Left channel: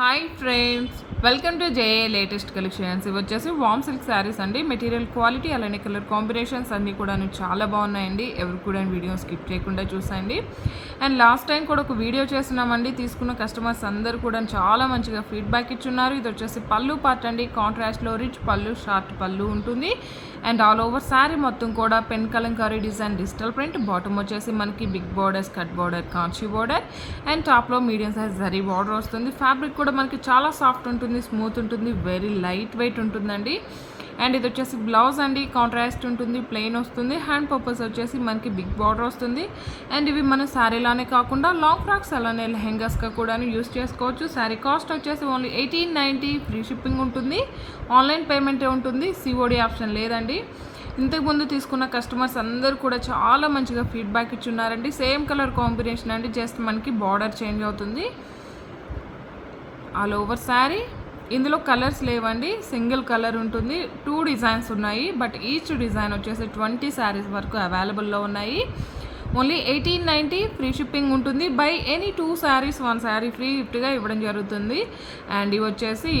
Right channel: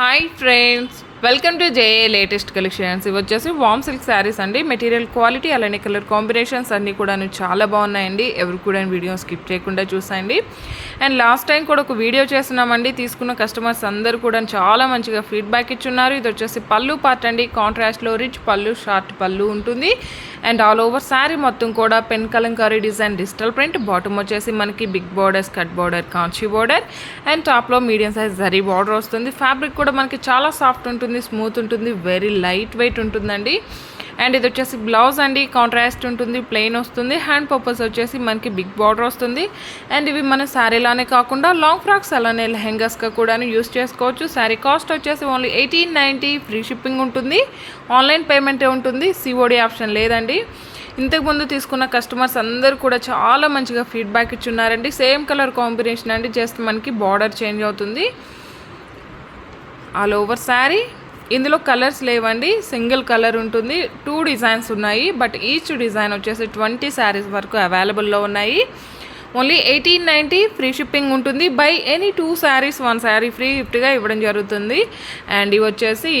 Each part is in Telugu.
Hi friends, welcome to J A latest collections. ఇవి వచ్చేసి వామ్ సిల్క్ శారీస్ అండి. మెటీరియల్ క్వాలిటీ అలానే కలర్ కాంబినేషన్స్ అన్నీ కూడా చాలా బాగున్నాయండి. ఎవరు కూడా వీడియో స్కిప్ చేయకుండా చూసండి. అండ్ లాస్ట్ టైం కూడా ఒక వీడియో చేస్తున్నామండి. తీసుకున్న కస్టమర్స్ అందరూ కూడా చాలా మంచిగా ఫీడ్బ్యాక్ ఇచ్చున్నారు. ఇది వచ్చేసి పళ్ళు పార్ట్ అండి. కాంట్రాస్ట్లో రిచ్ పళ్ళు, షార్ట్ పళ్ళు ఉంటుంది. అండ్ ఆల్ ఓవర్ శారీ మొత్తం కూడా pen kalamkari design, digital print. Bottom వచ్చేసి మనకి big border, cut border, Kanchi border and టాప్లో మీడియం సైజ్ జరీ బార్డర్ వస్తుంది. ఫ్యాబ్రిక్ కూడా మనకి చాలా సాఫ్ట్ ఉంటుంది, స్మూత్ ఉంటుంది, వెరీ లైట్ వెయిట్ ఉంటుందండి. అండ్ ఇది వచ్చేసి బ్లౌజ్ అండి. కాంట్రాస్ట్ ఉంటుంది, ప్లెయిన్ వస్తుంది. హ్యాండ్ పర్పస్ వచ్చేసి మనకి బిగ్ బార్డర్ వస్తుంది. అండ్ ఇవి మన శారీలానే కాకుండా లాంగ్ ఫ్రాక్స్ అలానే లెహెంగాస్గా కూడా యూస్ చేసుకోవచ్చు. శారీ కాస్ట్ వచ్చేసి ఓన్లీ 1890. ఫ్రీ షిప్పింగ్ ఉంటుంది. ఆన్లైన్ పేమెంటే ఉంటుంది, సిఓడి ఆప్షన్ లేదండి. ఇంతకుముందు తీసుకున్న కస్టమర్స్ అందరూ కూడా చాలా మంచిగా ఫీడ్బ్యాక్ ఇచ్చున్నారండి. సేమ్ కలర్ కాంబినేషన్ అండి, జస్ట్ మనకి బార్డర్ చేంజ్ అవుతుంది. ఆల్ ఓవర్ శారీ ఇందులో కలర్స్ లేవండి, సింగిల్ కలర్ ఉంటుంది. 2 డిజైన్స్ ఉన్నాయి, బట్ ఈచ్ డిజైన్ వచ్చేసి 20 శారీస్ వరకు అవైలబుల్లో ఉన్నాయి. ఓన్లీ 1890. ఫ్రీ షిప్పింగ్ ఉంటుంది. By any 2 saris 1 sari free గిఫ్ట్గా ఇవ్వడం జరుగుతుంది. అండ్ ఇవి వచ్చేసి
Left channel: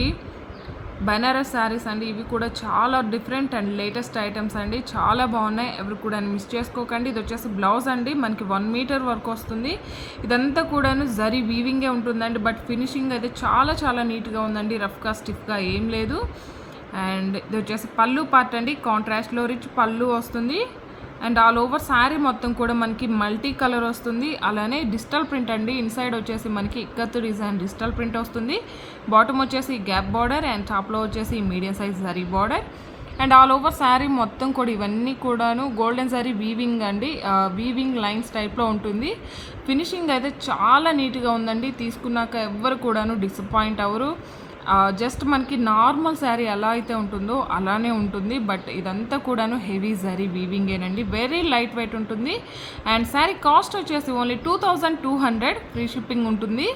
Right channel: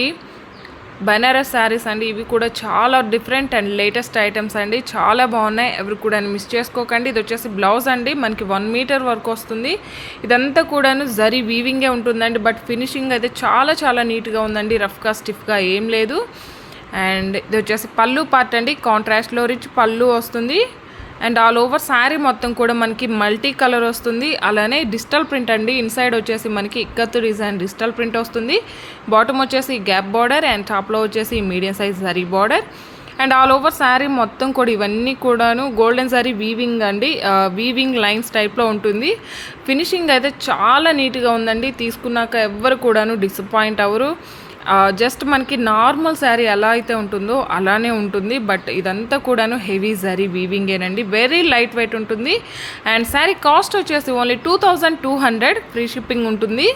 బనారస్ శారీస్ అండి. ఇవి కూడా చాలా డిఫరెంట్ అండ్ లేటెస్ట్ ఐటమ్స్ అండి, చాలా బాగున్నాయి. ఎవరు కూడా మిస్ చేసుకోకండి. ఇది వచ్చేసి బ్లౌజ్ అండి, మనకి 1 మీటర్ వరకు వస్తుంది. ఇదంతా కూడాను జరీ వీవింగే ఉంటుందండి, బట్ ఫినిషింగ్ అయితే చాలా చాలా నీట్గా ఉందండి. రఫ్గా స్టిఫ్గా ఏం లేదు. అండ్ ఇది వచ్చేసి పళ్ళు పార్ట్ అండి. కాంట్రాస్ట్లో రిచ్ పళ్ళు వస్తుంది. అండ్ ఆల్ ఓవర్ శారీ మొత్తం కూడా మనకి మల్టీ కలర్ వస్తుంది. అలానే డిజిటల్ ప్రింట్ అండి. ఇన్సైడ్ వచ్చేసి మనకి ఇక్కత్తు డిజైన్ డిజిటల్ ప్రింట్ వస్తుంది. బాటమ్ వచ్చేసి గ్యాప్ బార్డర్ అండ్ టాప్లో వచ్చేసి medium size zari border. And all over sari మొత్తం కూడా ఇవన్నీ కూడాను గోల్డెన్ జరీ వీవింగ్ అండి. వీవింగ్ లైన్స్ టైప్లో ఉంటుంది. ఫినిషింగ్ అయితే చాలా నీట్గా ఉందండి. తీసుకున్నాక ఎవ్వరు కూడాను డిసప్పాయింట్ అవ్వరు. జస్ట్ మనకి నార్మల్ శారీ ఎలా అయితే ఉంటుందో అలానే ఉంటుంది, బట్ ఇదంతా కూడాను హెవీ జరీ వీవింగేనండి. వెరీ లైట్ వెయిట్ ఉంటుంది. అండ్ శారీ కాస్ట్ వచ్చేసి ఓన్లీ 2200. ఫ్రీ షిప్పింగ్ ఉంటుంది.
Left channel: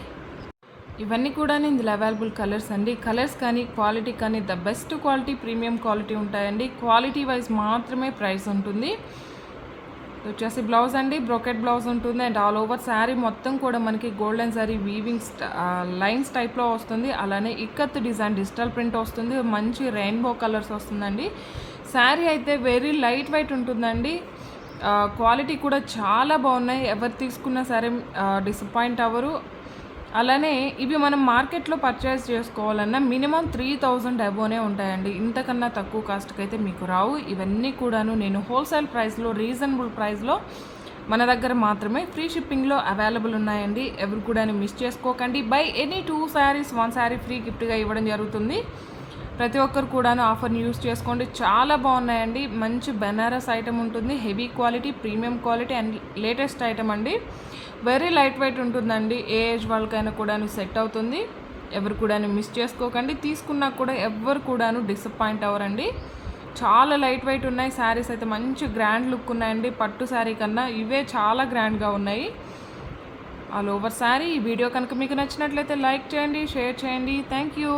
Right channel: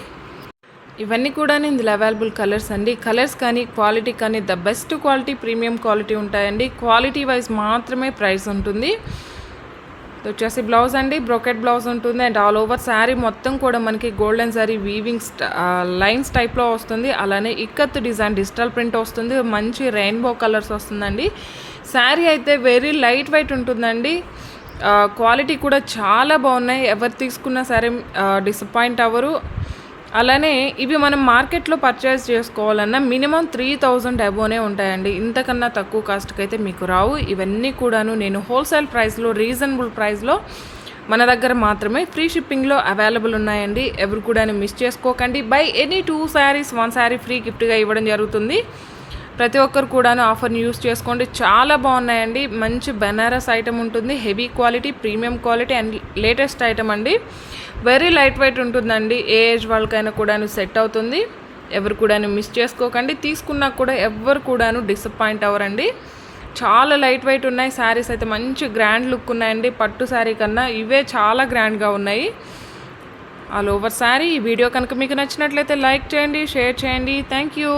ఇవన్నీ కూడా ఇందులో అవైలబుల్ కలర్స్ అండి. కలర్స్ కానీ క్వాలిటీ కానీ the best quality, premium quality ఉంటాయండి. క్వాలిటీ వైజ్ మాత్రమే ప్రైస్ ఉంటుంది. వచ్చేసి బ్లౌజ్ అండి, బ్రోకెట్ బ్లౌజ్ ఉంటుంది. అండ్ ఆల్ ఓవర్ శారీ మొత్తం కూడా మనకి గోల్డెన్ శారీ వీవింగ్ లైన్స్ టైప్లో వస్తుంది. అలానే ఇక్కత్ డిజైన్ డిజిటల్ ప్రింట్ వస్తుంది. మంచి రెయిన్బో కలర్స్ వస్తుందండి. శారీ అయితే వెరీ లైట్ వెయిట్ ఉంటుందండి. క్వాలిటీ కూడా చాలా బాగున్నాయి. ఎవరు తీసుకున్నా సరే డిసప్పాయింట్ అవ్వరు. అలానే ఇవి మనం మార్కెట్లో పర్చేస్ చేసుకోవాలన్నా మినిమం 3000 అబోనే ఉంటాయండి. ఇంతకన్నా తక్కువ కాస్ట్కి అయితే మీకు రావు. ఇవన్నీ కూడాను నేను హోల్సేల్ ప్రైస్లో, రీజనబుల్ ప్రైస్లో మన దగ్గర మాత్రమే ఫ్రీ షిప్పింగ్లో అవైలబుల్ ఉన్నాయండి. ఎవరు కూడా మిస్ చేసుకోకండి. By any 2 saris 1 sari free గిఫ్ట్గా ఇవ్వడం జరుగుతుంది. ప్రతి ఒక్కరు కూడాను ఆఫర్ని యూస్ చేసుకోండి. చాలా బాగున్నాయండి. మంచి బెనారస్ ఐటమ్ ఉంటుంది. Heavy quality, premium quality and latest item అండి. వెరీ లైట్ వెయిట్ ఉంటుందండి. ఏ ఏజ్ వాళ్ళకైనా కూడాను సెట్ అవుతుంది. ఎవరు కూడాను మిస్ చేసుకోకండి. తీసుకున్నా కూడా ఎవ్వరు కూడాను డిసప్పాయింట్ అవ్వరండి. చాలా లైట్ వెయిట్ ఉన్నాయి. శారీస్ అయితే మంచి గ్రాండ్ లుక్ ఉన్నాయండి. పట్టు శారీ కన్నా ఇవే చాలా గ్రాండ్గా ఉన్నాయి. All over sari. ఈ వీడియో కనుక మీకు నచ్చినట్లయితే లైక్ చేయండి, షేర్ చేయండి. Thank you.